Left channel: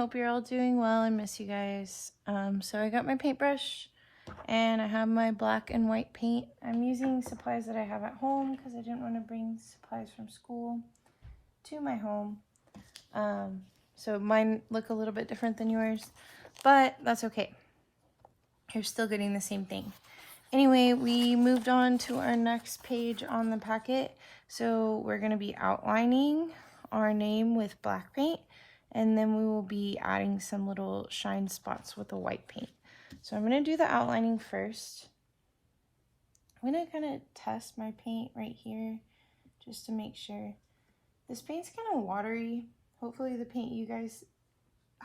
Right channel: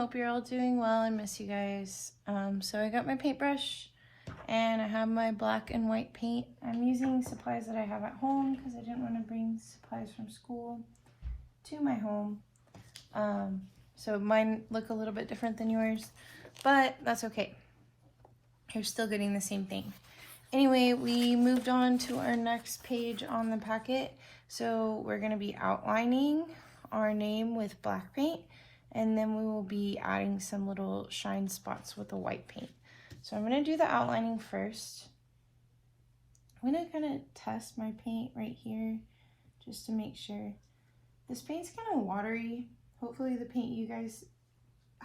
Hope you're all doing well. I miss you guys. So I got my paintbrush and I have my black and white paint. I'm using supplies that I have at home because I didn't want to bring supplies from school to my home. So mine look a little bit different than yours, but that's okay. You're still getting the same thing. Anyway, we moved on to our next page on the packet. So we're going to be outlining our name with black paint, and then we will be adding some little shine spots with the white paint. So I'm going to do the outlining first. I'm going to kind of test my paint right here just to make sure. This paint's kind of watery. Hopefully the paint you guys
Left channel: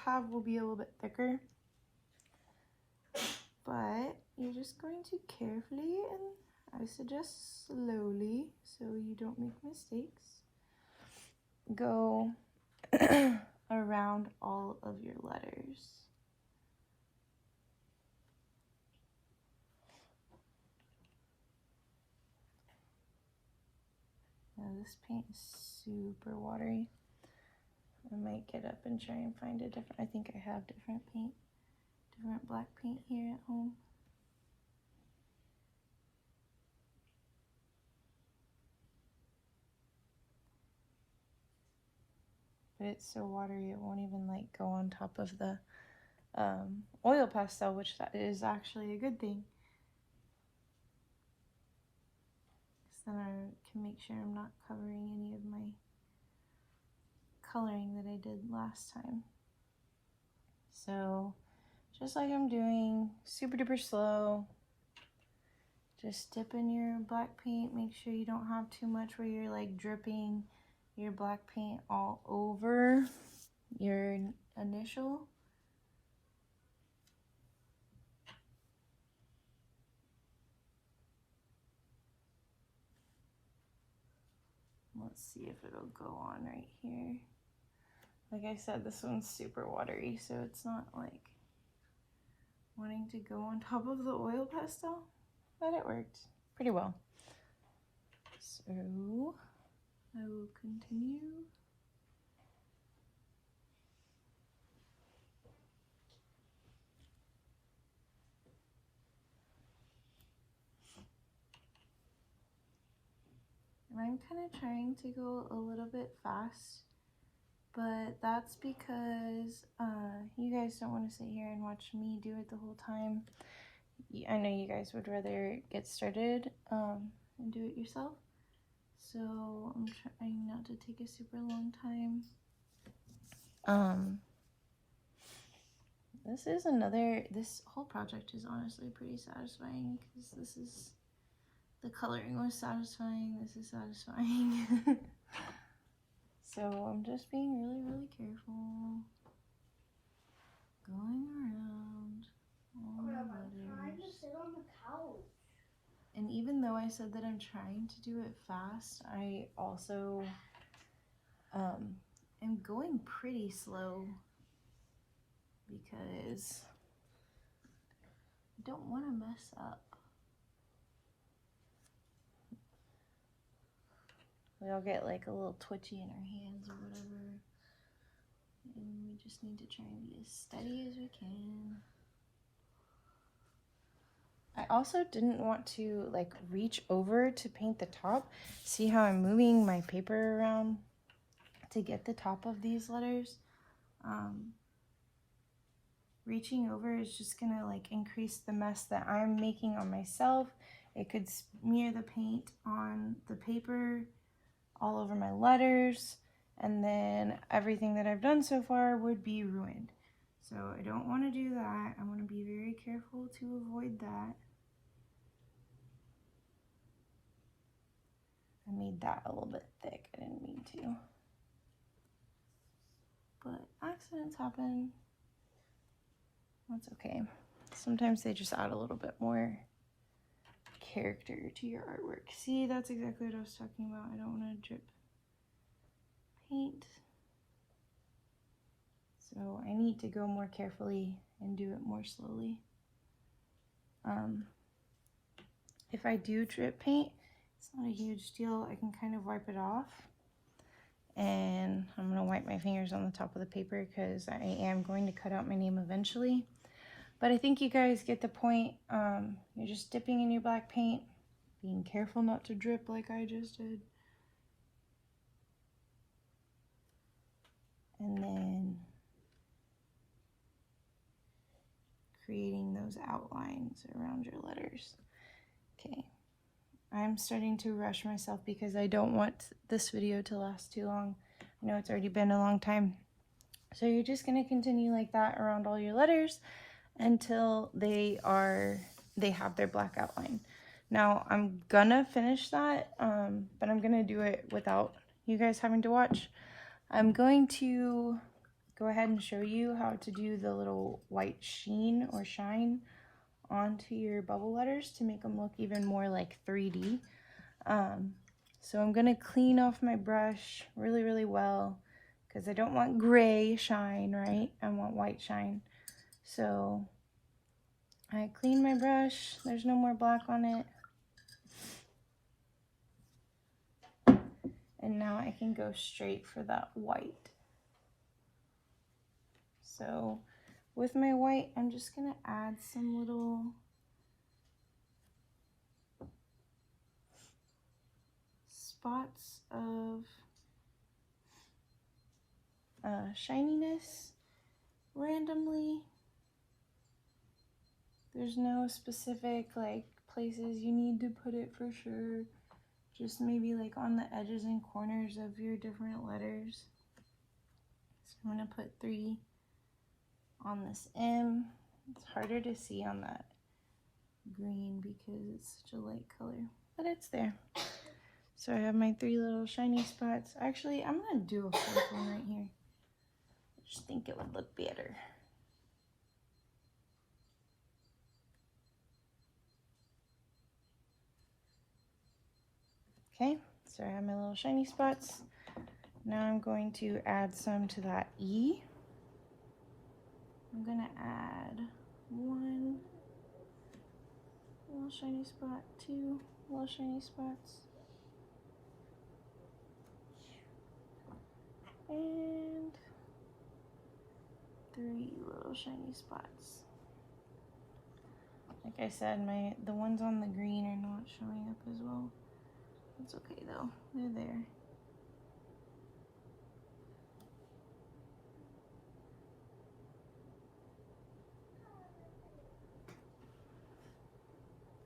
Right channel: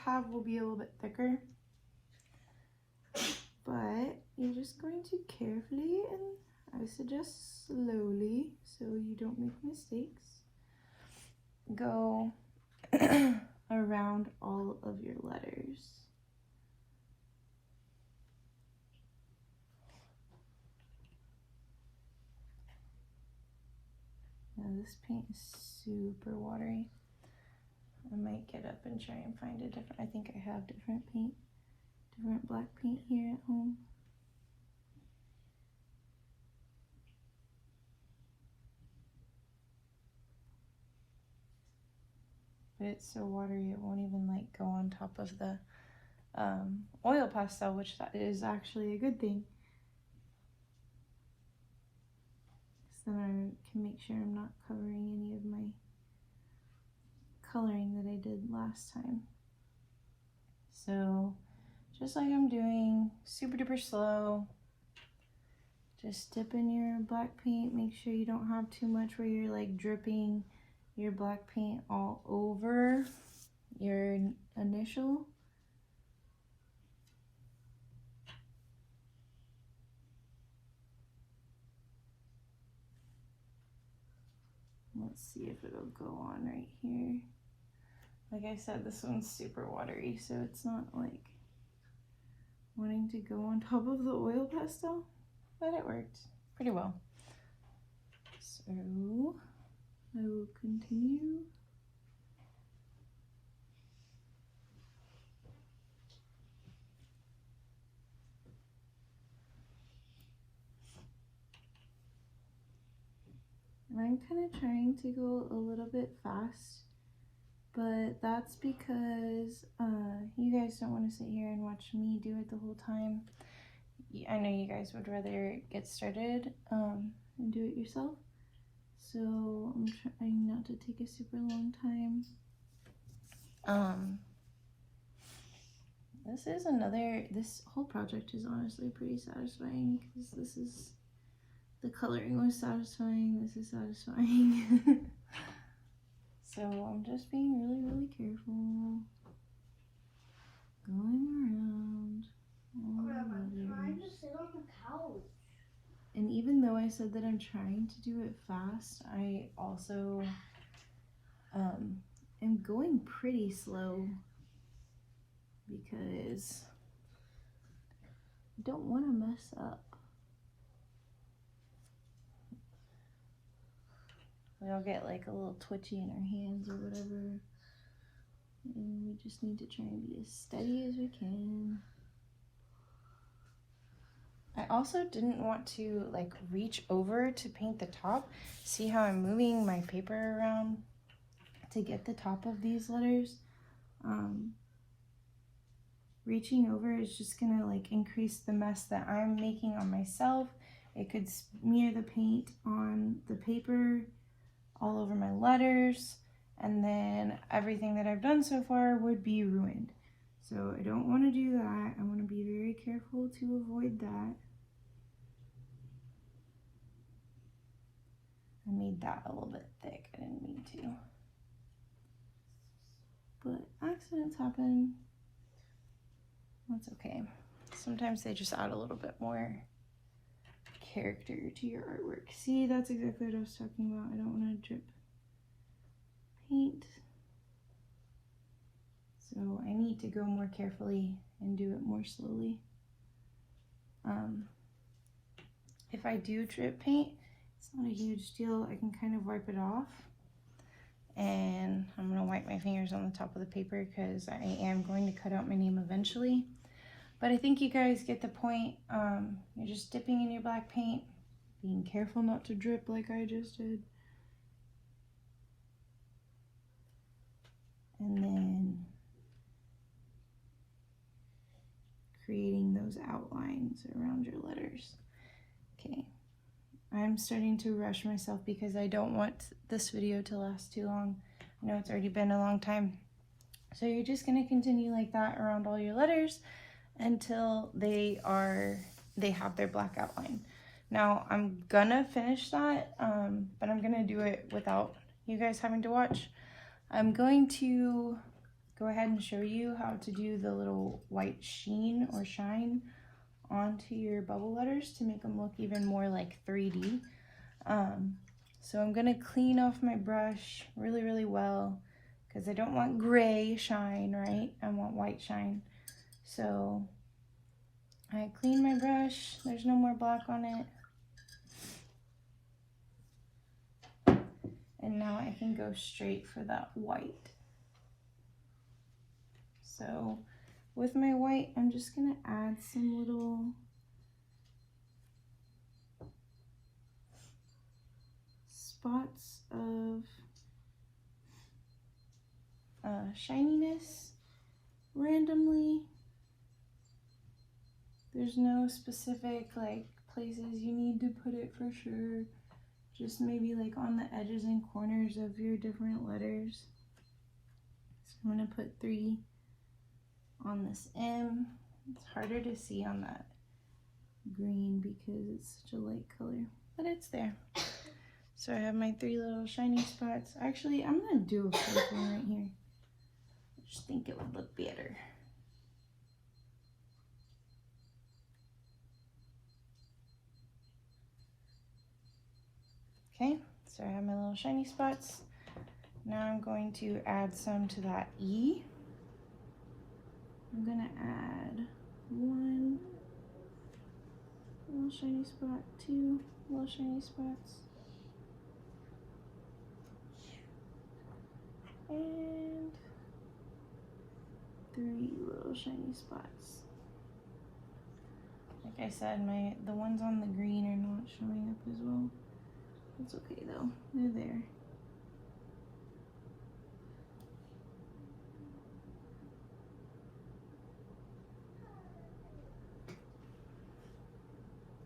have will be a little bit thicker. But you're just going to carefully, and I suggest slowly so you don't make mistakes, go around all of your letters. Now this paint is super watery. I might get up and try and find a different, I think I have different paint. Different black paint here at home. But it's so watery it won't even like go on top of the oil pastel, which that is actually a good thing. So then I can make sure I'm not covering any of my coloring that I did last time. So just like I'm doing, super duper slow. Just dip in your black paint. Make sure you don't have too much where you're like dripping your black paint all over your initial. Let's see if it'll go on right here. Like I said, this one's super watery, so it's not like wanting to go on top of the oil pastel, but it worked pretty well. So I will continue. And I'm kind of trying to go a little bit fast, but that's because you guys don't want to sit here and watch me do it the whole time. I know you guys would rather get started and do it yourself. So I'm trying not to take a super long time. This whole project is honestly pretty satisfying because the coloring was satisfying, this is satisfying. So I'm just being really, really careful. Going around all the letters. I'm trying to sit on the couch. And even though I said that I'm trying to do it fast, I also am going pretty slow because I don't want to mess up. We'll get like a little twitchy in our hands or whatever. And we just need to try and be as steady as we can. I also didn't want to like reach over to paint the top. See how I'm moving my paper around to get the top of these letters? Reaching over is just gonna like increase the mess that I'm making on myself. It could smear the paint on the paper all over my letters, and then everything that I've done so far would be ruined. So I don't want to do that. I want to be very careful to avoid that. I made that a little bit thick. I didn't mean to. But accidents happen. That's okay. Sometimes they just add a little bit more character to your artwork. See, that's exactly what I was talking about. I don't want to drip paint. So I need to go more carefully and do it more slowly. If I do drip paint, it's not a huge deal. I can kind of wipe it off. And I'm gonna wipe my fingers letters on the top of the paper because I am going to cut out my name eventually. But I think you guys get the point. You're just dipping in your black paint, being careful not to drip like I just did. And then creating those outlines around your letters. Okay, I'm starting to rush myself because I don't want this video to last too long. I know it's already been a long time. So you're just going to continue like that around all your letters until they have their black outline. Now I'm gonna finish that, but I'm gonna do it without you guys having to watch. I'm going to go ahead and show you how to do the little white sheen or shine onto your bubble letters to make them look even more like 3D. So I'm gonna clean off my brush really well because I don't want gray shine, right? I want white shine. So I clean my brush, there's no more black on it. And now I can go straight for that white. So with my white, I'm just gonna add some little spots of shininess randomly. There's no specific like places you need to put it for sure. Just maybe like on the edges and corners of your different letters. So I'm gonna put 3 on this M. It's harder to see on that green because it's such a light color, but it's there. So I have my 3 little shiny spots. Actually, I'm gonna do a 4th one right here. I just think it would look better. Okay, so I have my little shiny spots. Now I'm going to add some to that E. I'm gonna add 1 little shiny spot, 2 little shiny spots, and 3 little shiny spots. Like I said, the ones on the green are not showing up as well. It's okay though, they're there.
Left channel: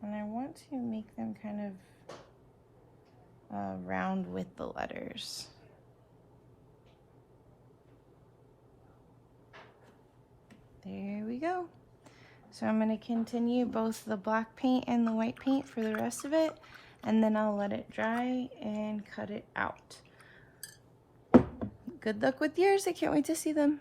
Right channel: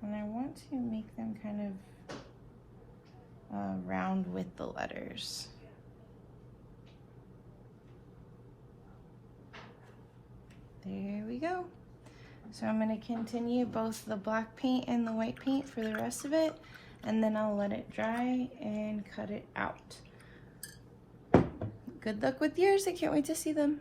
And I want to make them kind of round with the letters. There we go. So I'm going to continue both the black paint and the white paint for the rest of it, and then I'll let it dry and cut it out. Good luck with yours. I can't wait to see them.